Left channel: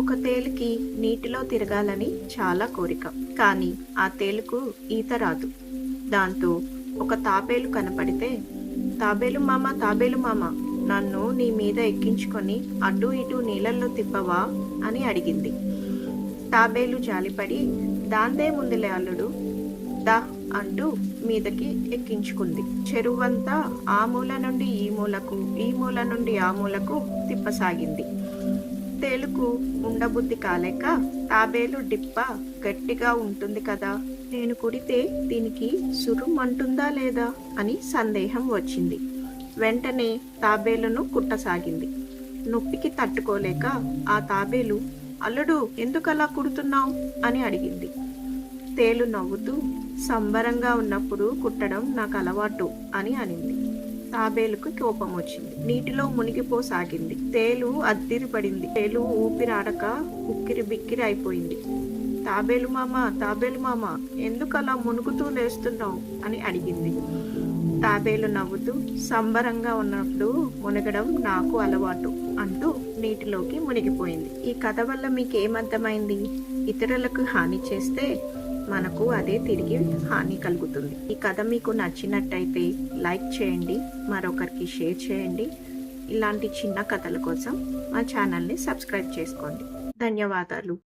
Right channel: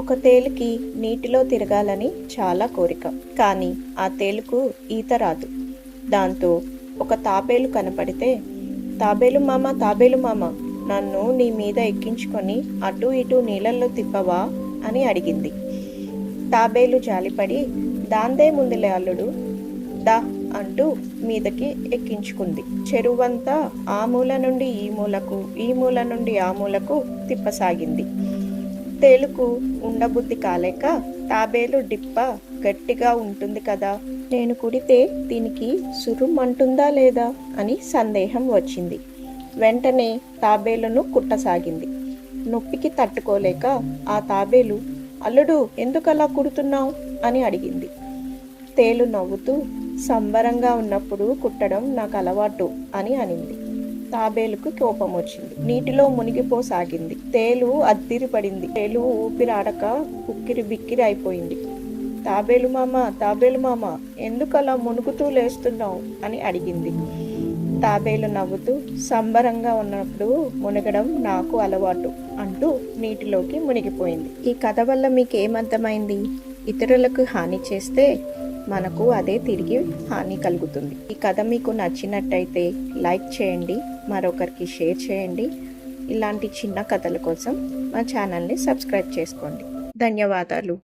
ఒక తేలుకి నీటిలో తిరగాలని చాలా కోరిక. కానీ ఆ తేలుకు ఈత రాదు. దాంతో ఒక తాబేలు కనపడితే, తాబేలు మామ, నన్ను నీ మీద ఎక్కించుకొని అటు ఇటు నీళ్ళల్లో తిప్పవా అని అడిగింది. తాబేలు జాలిపడి, దాందే ముందులే అల్లుడు, దా అంటూ మీదకి ఎక్కించుకుంది. చెరువంతా ఆ మూల నుండి ఈ మూలకు, ఈ మూల నుండి ఆ మూలకు తిప్పసాగింది. తేలుకు ఉండబుద్ధి కాలేక, తాబేలు డిప్ప గట్టిగా ఉంటుంది కదా, నేను కుడితే దీనికి సురుమంటుందా లేదా అని సందేహం వచ్చింది. వెంటనే తాబేలును కుట్టసాగింది. నొప్పికి తట్టుకోలేక ఆ తాబేలు, అల్లుడు ఎందుకలా కుడుతున్నావు అని అడిగింది. తేలు నవ్వుతూ, సంబరంగా ఉన్నప్పుడు కుట్టడం నాకు అలవాటు అని అనింది. తాబేలుకు కోపం వచ్చింది. నీటిలో మునిగిపోసాగింది. తేలు అద్దిరిపడింది. తేలు ఊపిరాడక ఉక్కిరి బిక్కిరి అయిపోయింది. తాబేలు మామ, ఎందుకలా మునుగుతూ లేస్తున్నావు అని అడిగింది. తాబేలు నవ్వుతూ, సంబరంగా ఉన్నప్పుడు మునగడం నాకు అలవాటు అంటూ నీటిలోకి మునిగిపోయింది. ఈ కథ వల్ల మీకు ఏమర్థమైంది? ఇతరులకు హాని చేస్తే మనకు అదే తిరిగి హాని కలుగుతుంది. ఈ కథ మీకు నచ్చినట్టయితే లైక్ చేయండి, మరొకరికి షేర్ చేయండి. ఇలాంటి చిన్న కథల కోసం మా ఛానల్ని సబ్స్క్రైబ్ చేసుకోండి. ధన్యవాదాలు.